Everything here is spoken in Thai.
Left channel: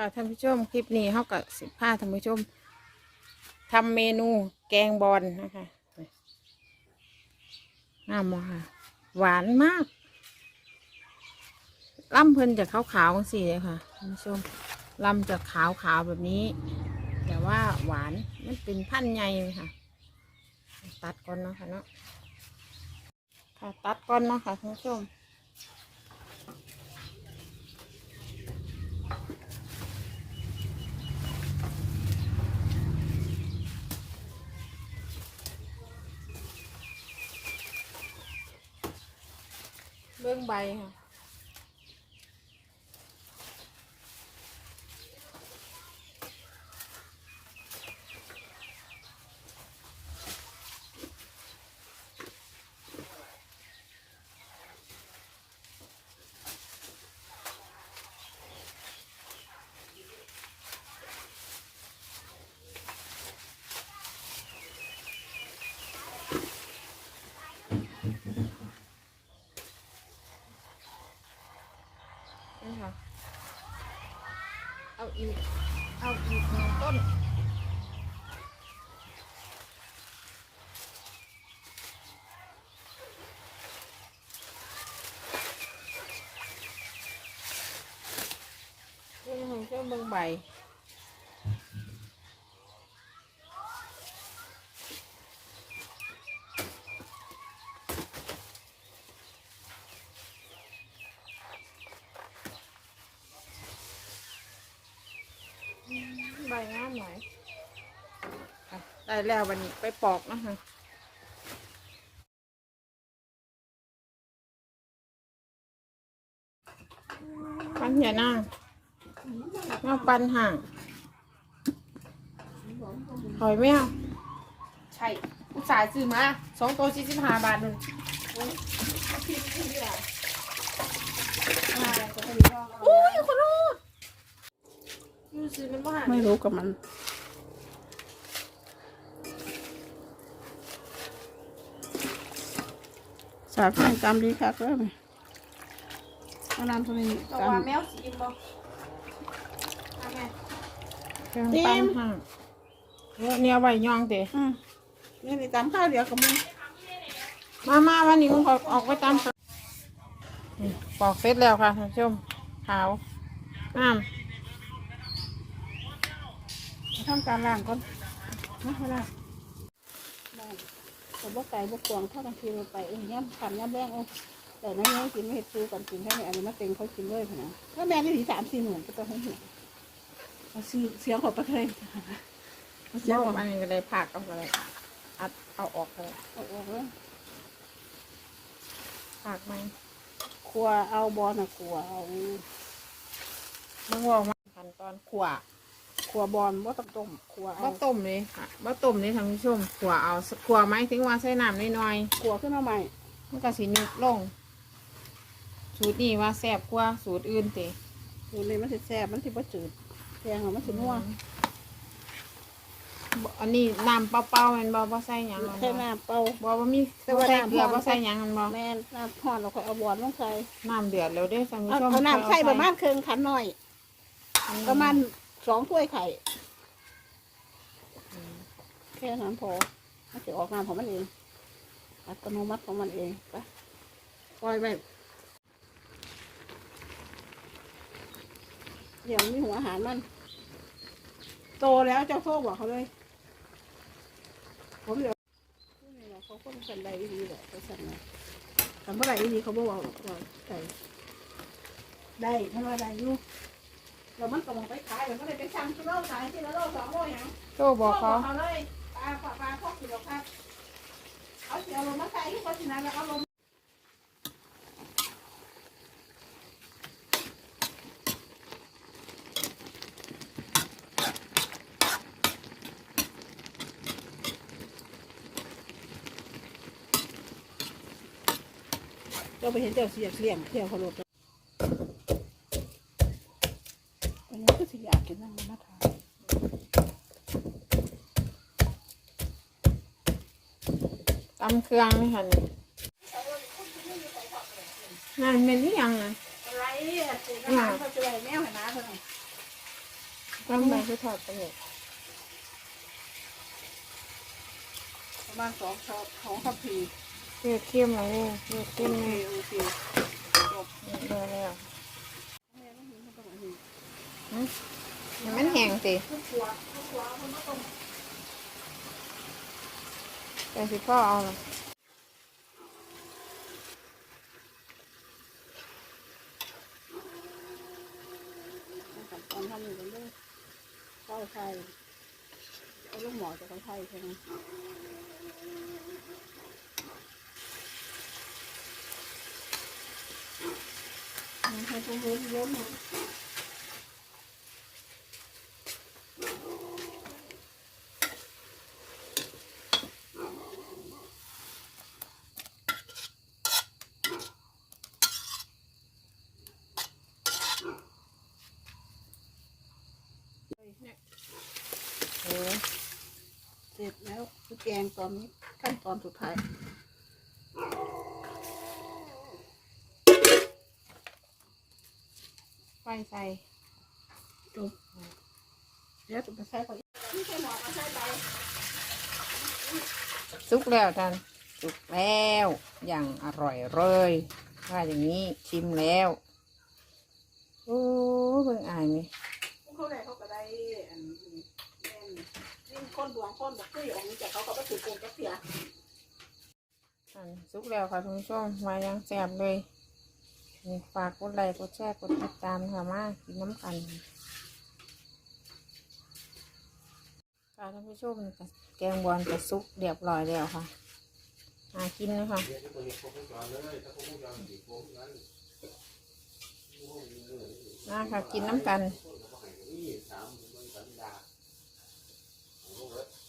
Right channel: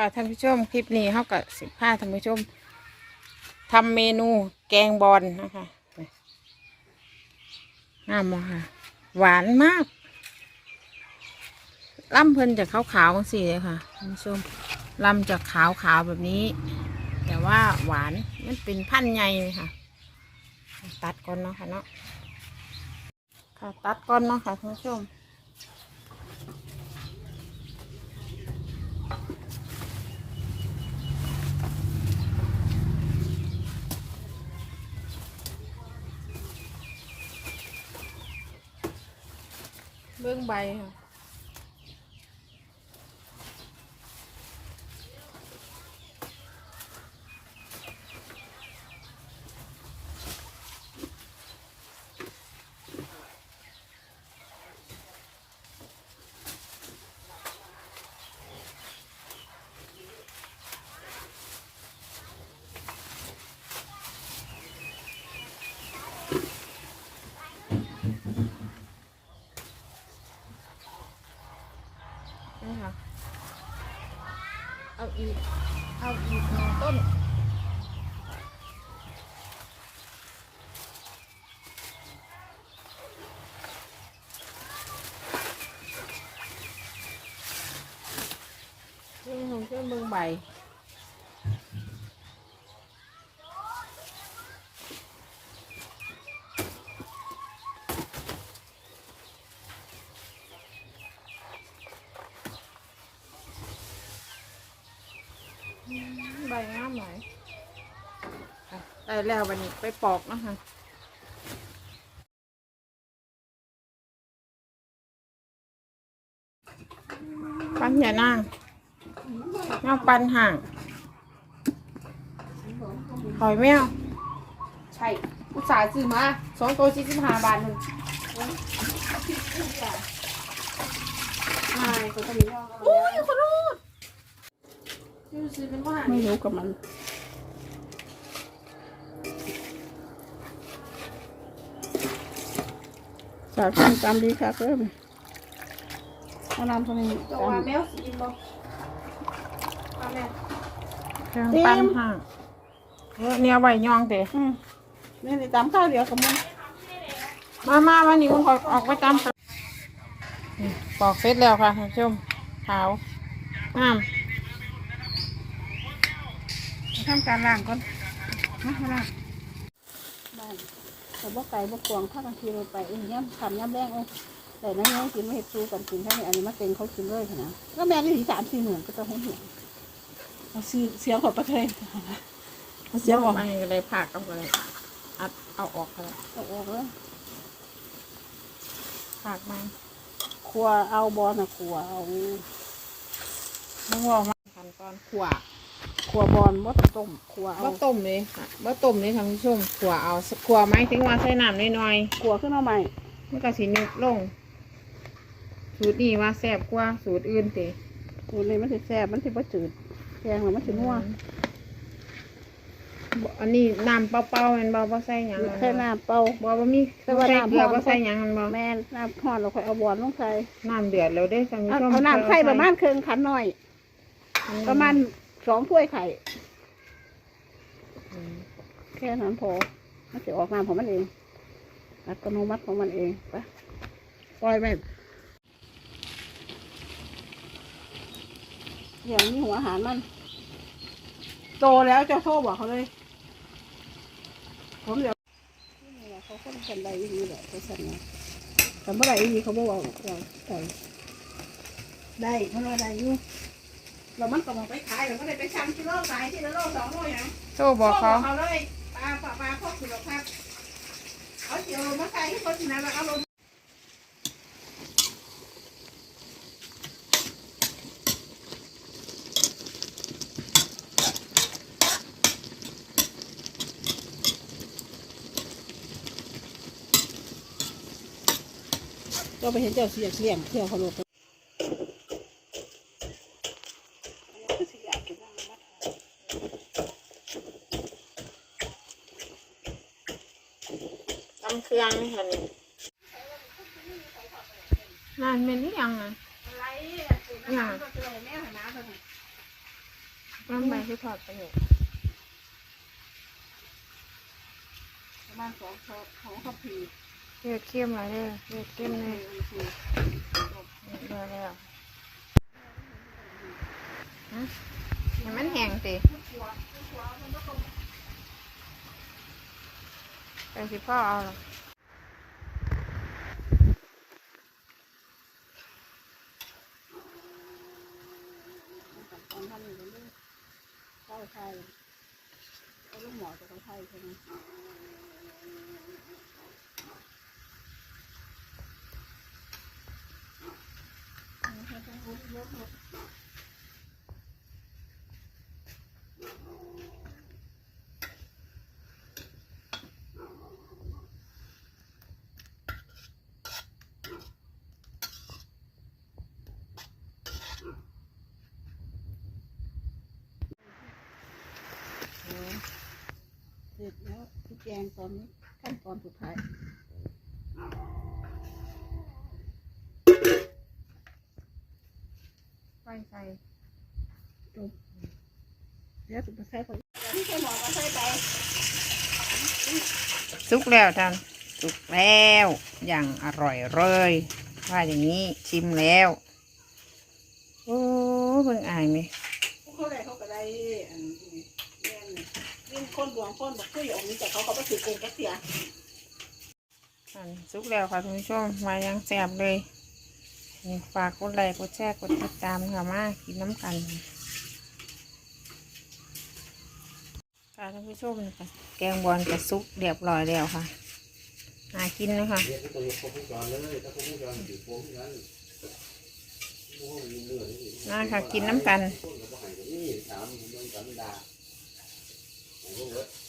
ค่ะท่านผู้ชมคลิปนี้เขากับสิบห้าท่านผู้ชมทำเมนูแกงบอลนะคะงามมากค่ะ หวานมากล่ำเพิ่นจะขาวๆสิเลยค่ะท่านผู้ชมล่ำจะขาวๆแบบนี้ แต่ว่าหวานมันเป็นพันธุ์ใหญ่ค่ะ ตัดก่อนเนาะค่ะเนาะค่ะ ตัดก่อนเนาะค่ะท่านผู้ชม เบื้องใบค่ะ อาอีก เอาอีกหนึ่งต้นนี่ของเจ้าเมือง ใบใบงามหน่อยได้แล้ววันนี้ไปปอกนะคะปันอย่านั่งเงาปันห่างหอยแมวใช่อุตส่าห์ซื้อมาสองตัวสี่สิบห้าบาทหนึ่งใช่คนตัวนี้ลองเอาแล้วคนละยู ซื้อเป็นว่าไม่รู้กับมันสาขาจำดีครับเริ่มมานำตัวนี้จะจว่าแมวสีบ่ว่าแม่เครื่องปั้นห่างเออเนี่ยใบยองเตะำอืมนี่นี่ตำข้าวเดียวกับมันมามาวันนี้มึงออกออกไปตามค่ะนี่ปอกเสร็จแล้วค่ะท่านผู้ชมขาวงาม ทำการล้างก่อนนะมาล้างบ้านแต่บ่ไก่บ่กวางถ้ากันทีเราไปเองย่ำทำย่ำแรงเอาแต่นั่นยังกินไม่เห็ดปูกันกินแค่นี้อันนี้มาเต็งเขากินเลยนะแล้วแม่นี่ถึงสามสี่หมื่นก็ต้องให้เห็นเอาซื้อเสียงของประเทศเอาเสียงเดี๋ยวของมันก็เลยผักเอาไปเลยอัดเอาออกเลยเอาออกเลยผักมันครัวเอาบอลนะครัวเอามึงบอกมาขั้นตอนขวา ครัวบอลบ่ต้องต้มครัวเอาบ่ต้มเลยค่ะบ่ต้มเลยท่านผู้ชมขวาเอาขวาไหมถึงว่าใส่น้ำน้อยครัวขึ้นมาใหม่ ๆมันก็สินึกลง สูตรนี้ว่าแซ่บกว่าสูตรอื่นเตะกูนี่มันสิแซ่บมันสิบ่จืดแกงแล้วมันสินัวบ่อันนี้น้ำเปล่าๆแมันบ่บ่ใส่หยังแค่น้ำเปล่า บ่บ่มีแต่ว่าใส่น้ำเกลือพอบ่ใส่หยังมันบ่แม่นน้ำทอดเราค่อยเอาบอลลงใส่น้ำเดือดแล้วเด้อท่านผู้เอาชมเอาน้ำไข่ประมาณครึ่งขันหน่อย ประมาณ สองถ้วยไข่แค่นั้นพอมันจะออกน้ำของมันเอง อัตโนมัติของมันเองไปปล่อยไปอย่างนี้หัวอาหารมัน โตแล้วเจ้าโทษบอกเขาเลย ผมเดี๋ยวนี่แหละเขาคนกันใดดีแหละเขาสั่นนะผมเมื่อไหร่ดีเขาบอกว่าใส่ได้เพราะว่าได้อยู่ เรามันก็มองไปขายเราก็ได้ไปชั่งกิโลขายที่ละโลสองโลอย่างโทรบอกเขาเขาเลยปลาปลาปลาพวกคุณหรอกครับเขาเสียวลงมาใส่ที่คนที่นั่นแล้วเอาลงเราไปเห็นเจ้าเสียเลี้ยงเที่ยวเขาลงไปอันนี้ก็สิอยากกินน้ำมาทาน ตำเครื่องนี่ค่ะนี่นั่นเป็นที่ยังไงอะไรอะสูตรอาหารเขาจะได้แมวให้น้าเท่านั้นลำไปคือทอดไปเนี่ยประมาณสองช้อนของข้าวผีเลือดเข้มเลยเลือดเข้มเลยโอเคเลือดแล้วฮะให้มันแห้งสิ แต่สิพ่อเอาหรอขั้นตอนทำอยู่กันด้วยข้าวไทยเอาลูกหมอจากข้าวไทยใช่ไหมให้ทุกคนเยอะมาก แล้วคือแกงตอนนี้ขั้นตอนสุดท้ายไฟใส่จบเดี๋ยวจะไปใส่ไปนี่แค่หมอก็ใส่ไปสุกแล้วท่านสุกแล้วอย่างอร่อยเลยว่าอย่างนี้ชิมแล้ว โอ้เบิ่งอายไหม เขาได้เขาก็ได้อันนี้แม่นยิ่ง คนดวงคนบอกคืออย่างนี้แต่เขาก็ไปถือโกงแกเสียอันสุกแล้วค่ะทุกผู้ชมายังแซ่บเลยนี่ฝากกดไลค์กดแชร์กดติดตามค่ะมากินน้ำกันค่ะท่านผู้ชมนี่ค่ะแกงบอลกระซุกเรียบร้อยแล้วค่ะน่ากินนะคะน่าครบวงจรอยู่โค้งนั้นโอ้โหมีเนื้อนี่น่าค่ะ กินน้ำกัน little bit.